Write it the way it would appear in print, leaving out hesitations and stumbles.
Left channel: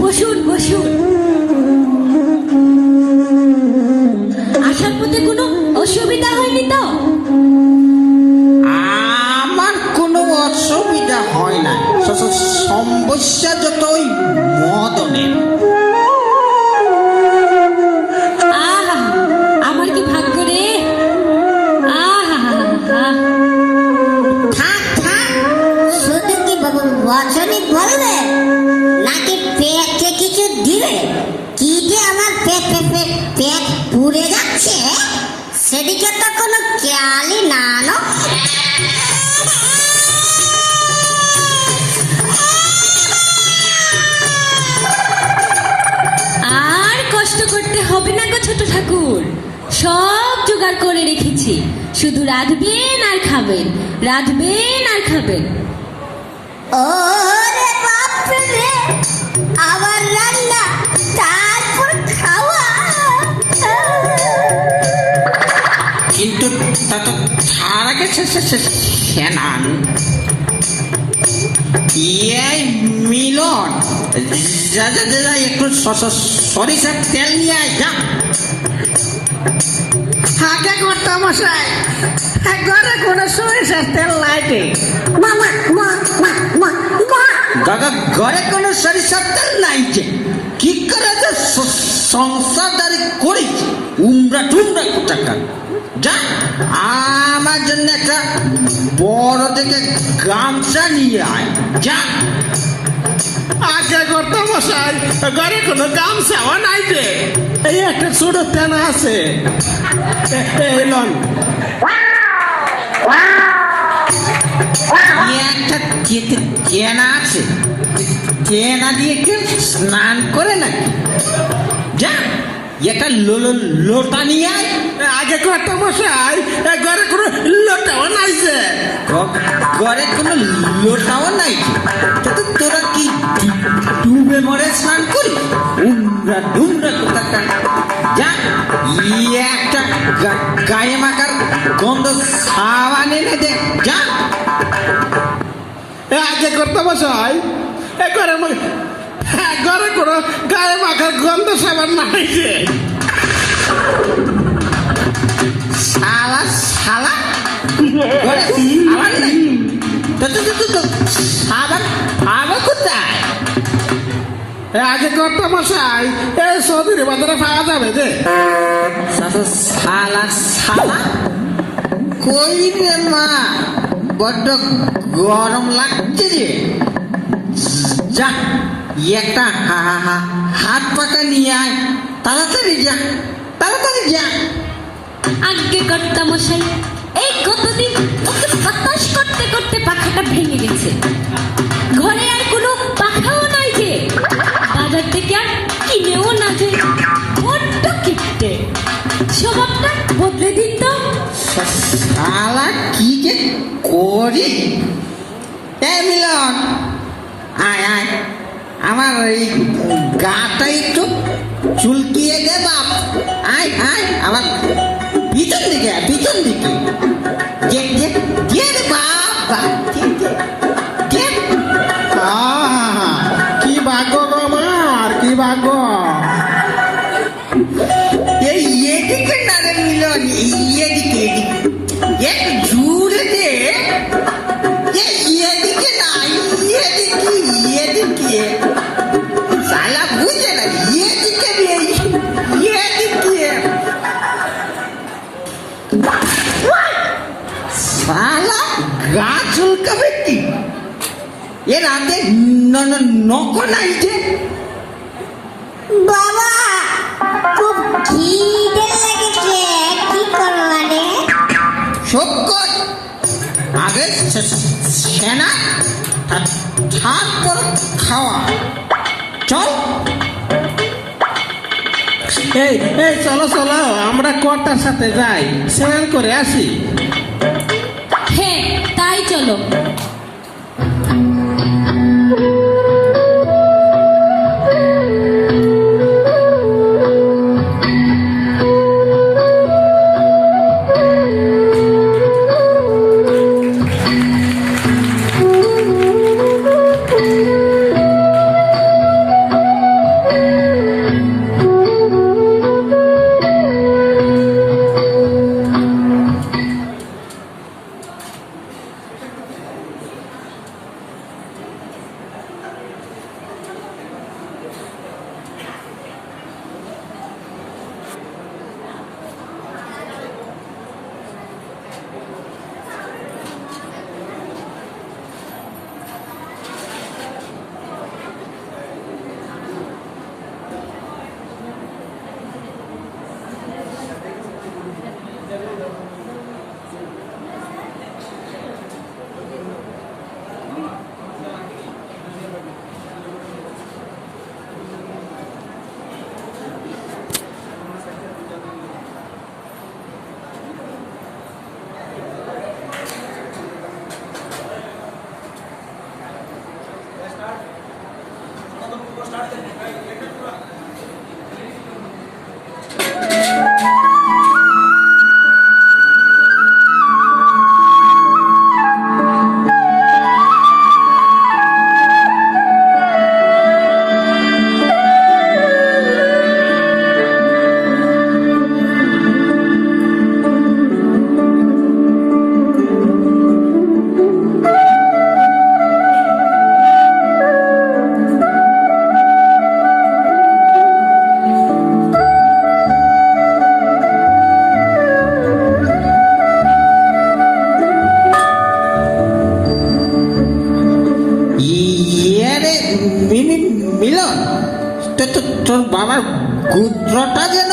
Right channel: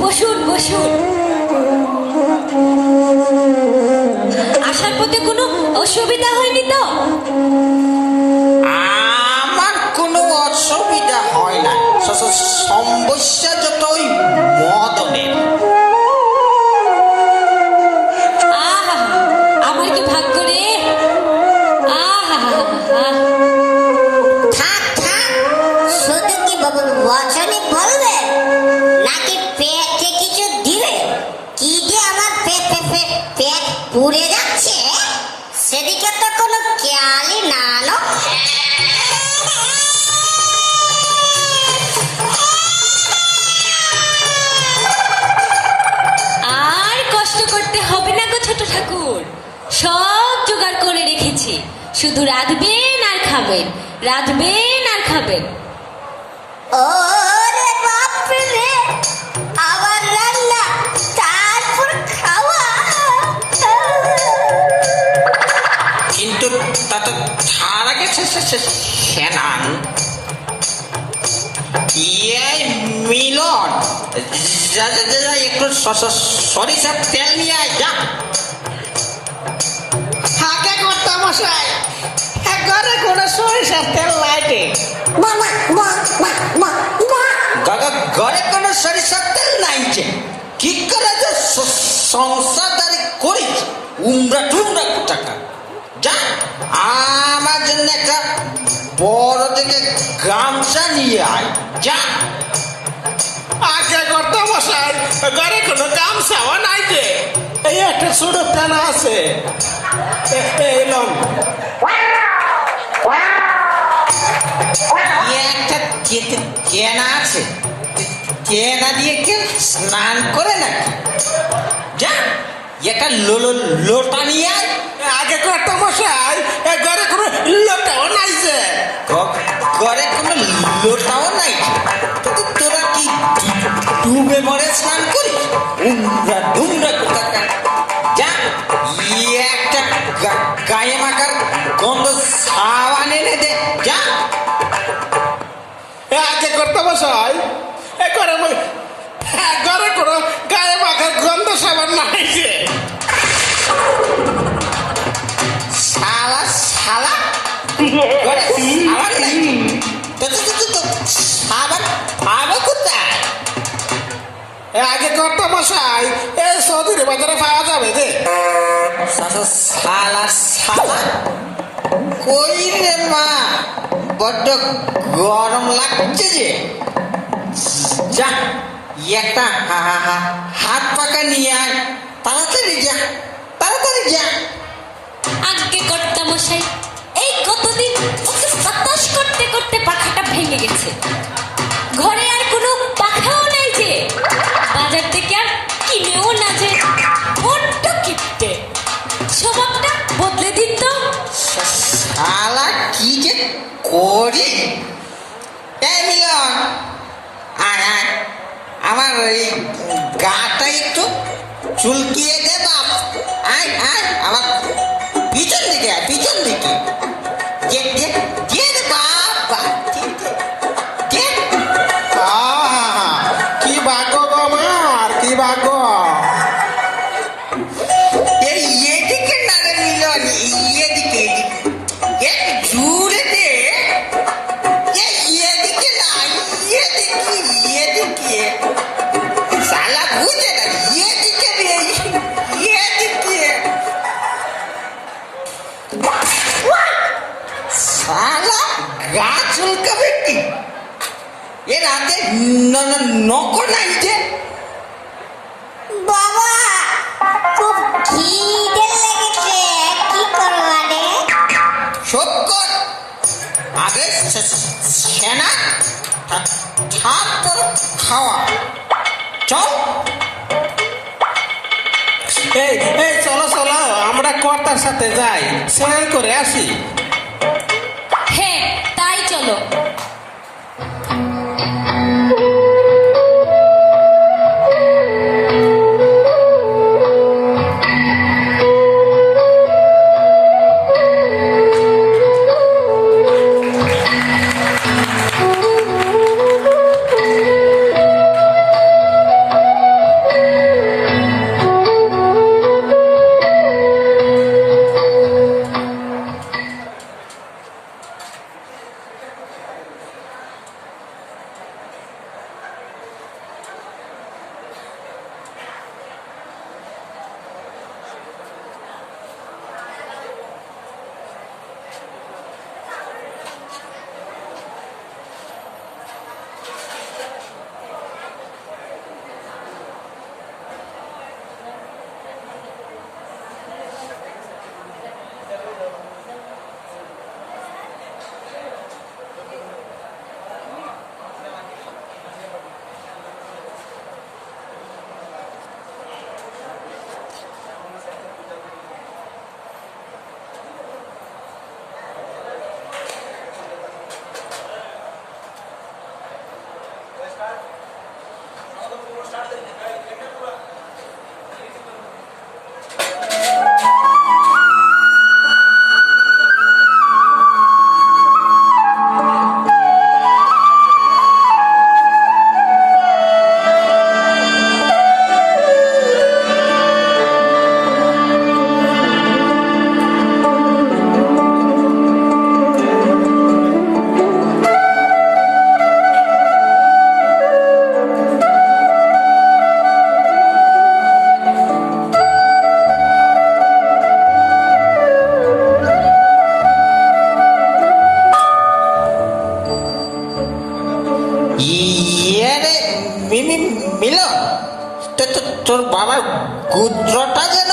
বসুন বসুন। আসার পথে কোনো অসুবিধা হয়নি তো? আমার কোনো অসুবিধা হয় না, সমস্যা যত ওই মদনে। আহা, আমার কি ভাগ্য রে। আহা, থাক থাক, শুধু কি বচনে বলবে নাকি পেটে কিছু দিবে? কি যে আমার পেট পুড়ে যাচ্ছে, সেদিকে তো কোনো খেয়ালই না লো। আর কষ্ট করতে হবে না গো ছোট ঠাকুর, সব জোগাড় করে রেখেছি। শুধু রাঁধবেন আর খাবেন, রাঁধবেন আর খাবেন। ওরে বাপরে রে, আবার রান্না তারপর খাওয়া। কিন্তু তার আগে সেনান মিলন, যা যা যা একটু সরিষার তেল নিয়ে আয় যা। আগে করতাম মশাই, ঘরে কোনো সরিষার তেল লাইটে। মামা মা মা মা মা, দাদা ঘরে কোনো সরিষার তেল নাই যে, কি করে যে সংসারদারি করিস উমরা টুমরা টাকা। যা আমার জন্য একটা বড় থেকে গামছা নিয়ে আয় যা। আগে করতো মশাই, ঘরে কোনো গামছাও নাই যে, এই একটা ছোট ফেনা আছে। এলন একটা কেনা আছে, কেনা দিয়ে কেউ স্নান করে নাকি? যা একটা লোটা নিয়ে আয়। আগে করতো মশাই, ঘরে কোনো লোটাও নাই যে। ঘরে কোনো লোটাও নাই, তোরা কি ডুবে মরে স্নান করিস? উমরা ডুমরা কোথাকার। যা একটা গায়ে মাখার গন্ধ সাবান এনে দে যা। আগে করতো মশাই, ঘরে ঘরে কোনো গায়ে মাখার গন্ধ সাবান নাই যে। শালা শালা ঘরে সাবান নাই, সাবান পাবো কোথায়? আগে করতো মশাই, এই সৌদির বাজারে পাওয়া যাবে যে। শালা শালা কই রে মা, বড্ড গরম লাগছে যে। যা একটা হাত পাকা নিয়ে আয়, তাড়াতাড়ি যা, তাড়াতাড়ি যা। আগে কর্তা মশাই, এই কতদিন ওকে বাতাস করতে করতে পাখাটা ভেঙে গেছে। ঘরে আর কোনো পাখাও নাই যে, বাজার থেকে আর কিনেও না যে। বড্ড কিপটে, স্বভাবটা বদলে দিন তো। শালা কি যে করি। এ মিলন, আয় আয়, আমার ওই গাটা একটু চুলকিয়ে দে বাপ। আয় আয় আমার পিছন দিকে, পিছন দিকে কি ভাগ্য গো আমার, কি ভাগ্য। এদিকে না রে মিলন, এদিকে এদিকে একটু জুড়ে দে। এদিকে না, এদিকে এদিকে শালা বুঝে না, এদিকে রে এদিকে। শালা গা চুলকাবে কি? এর হাতে নখ নাই যে। বাবা খুব খিদে লেগেছে, কি করবো রে? শক্কর আগে সেনা, তারপর খাওয়া। চল এই এই চলো চলো, আমরা কর্তার সাথে যাই, স্নান করে আসি। হ্যাঁ তাই চলো। তোর বাবার গুদ্রটা যেন